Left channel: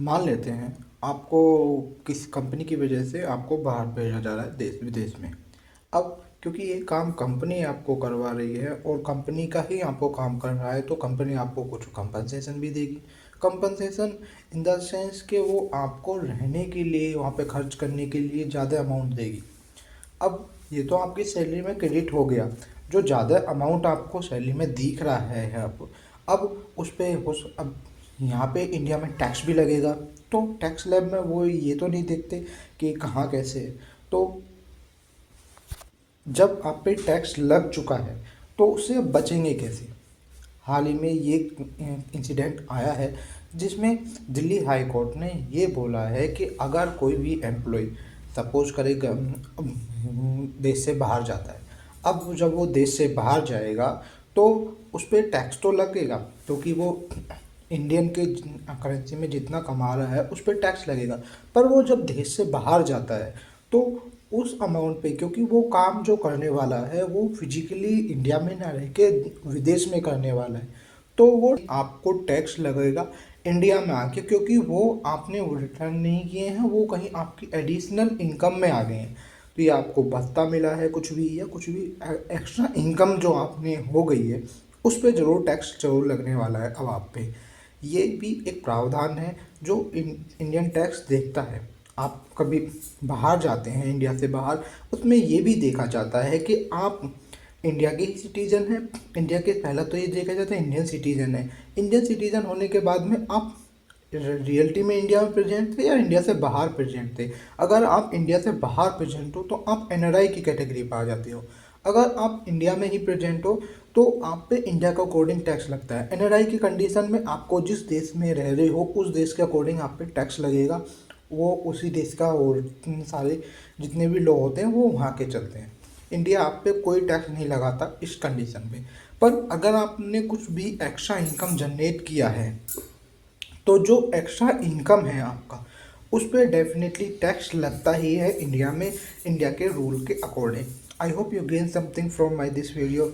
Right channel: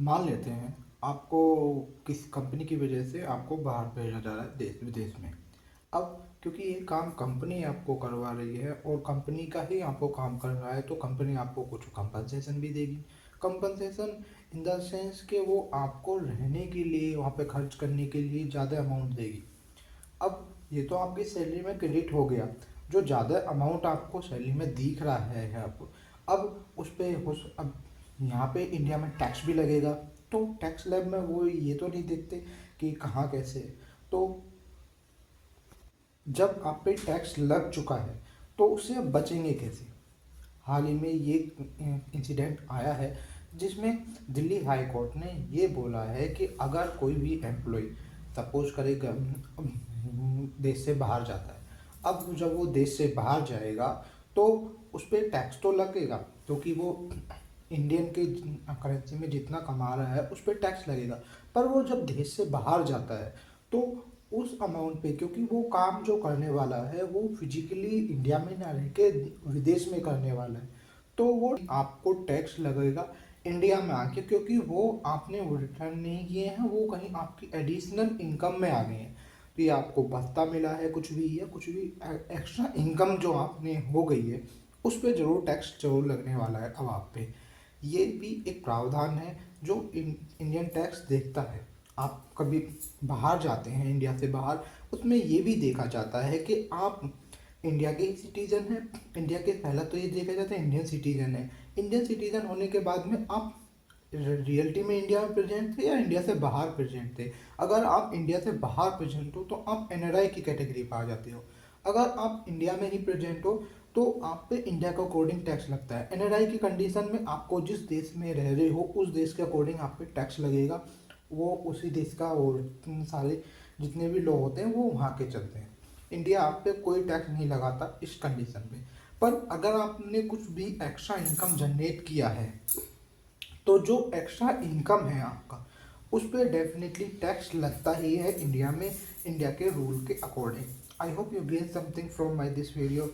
मान लेते हैं आपको किसी कंपनी की वजह से आपको बाहर भेजा जा रहा है देश विदेश में। अब क्योंकि ये काम कंपनी आपको करवा रही है और कंपनी का ही आपको काम कर रहा है, तो कंपनी आपको कुछ कंपनसेशन भी देगी। कंपनसेशन इन द सेंस कि वो आपको रहने के लिए, वहाँ पे खर्च करने के लिए ज़्यादा अमाउंट देगी। अब ये तो आपकी सैलरी में क्रेडिट हो गया, जो ज़्यादा अमाउंट आपको सैलरी में दिख रहा है अब उस पे उस अब यहाँ पे इंडिया में टैक्स भी लगेगा। तो टैक्स लैब में वो ये तो नहीं देखते कि कहाँ कैसे है। तो जब आप पे टैक्स लग चुका है तो उससे आप बचेंगे कैसे? हाल ही में ये इंसिडेंट आया है जिसमें दिल्ली हाई कोर्ट ने ये बोला है कि अगर कोई भी एम्प्लॉय सपोज करेगा देश से बाहर जाता है, अब जब वो देश से बाहर जाएगा तो उस पर टैक्स तो लगेगा, क्योंकि वो इंडियन के करेंसी में जितना कमा रहा है उस पर टैक्स लगेगा। पर वो जब देश से बाहर जाता है तो उस अमाउंट पे, क्योंकि वो काम जो करने वाला है वो फिजिकली इंडिया में ना रह के विदेश में करने वाला है, तो वो आपको टैक्स लगेगा इंडिया में आके, क्योंकि वो आपने वो रिटर्न नहीं किए हैं, वो कहीं आपकी एडिशनल इनकम में आ गए हैं। तो ये आपको भत्ता मिला है कुछ भी, या कुछ भी एक्स्ट्रा इनकम जो आपने हो गई है, उस पर ज़रूर टैक्स जरूर लगने वाला है अब आप पे। ये भी एक प्रावधान है जो इंडियन टैक्स देखता है। आप कभी बाहर जाते हैं इंडिया से बाहर, उसमें ये भी देखा जाता है कि आप इंडिया के ही सिटीजन हैं। इंडिया के पहला तो ये देखा जाता है इंडियन सिटीजन है। इंडियन सिटीजन होने के बाद में आप रियलिटी में इंडिया में प्रेजेंट थे या इंडिया से बाहर प्रेजेंट थे। अगर आप इंडिया से बाहर प्रेजेंट हो तो आप एनआरआई की कैटेगरी पर आ जाते हो। अगर आप इंडिया में ही प्रेजेंट हो तो आप पे इंडिया के अकॉर्डिंग टैक्स लगता है। एनआरआई की कंडीशन में आपको जिस देश में रह रहे हो उस देश के अकॉर्डिंग आप पे टैक्स लगेगा। वो उसी देश का, और सारे जितने भी लोग होते हैं वो वहाँ के चलते हैं। इंडिया आप पे कोई टैक्स नहीं लगाता इस कंडीशन में। पर अगर आपने कुछ भी एक्स्ट्रा इनकम जनरेट किया है तो जो एक्स्ट्रा इनकम है आपका, उस पर डेफिनेटली टैक्स लगता ही है इंडिया में, इंडिया के रूल के according. I hope you gain something from my this video.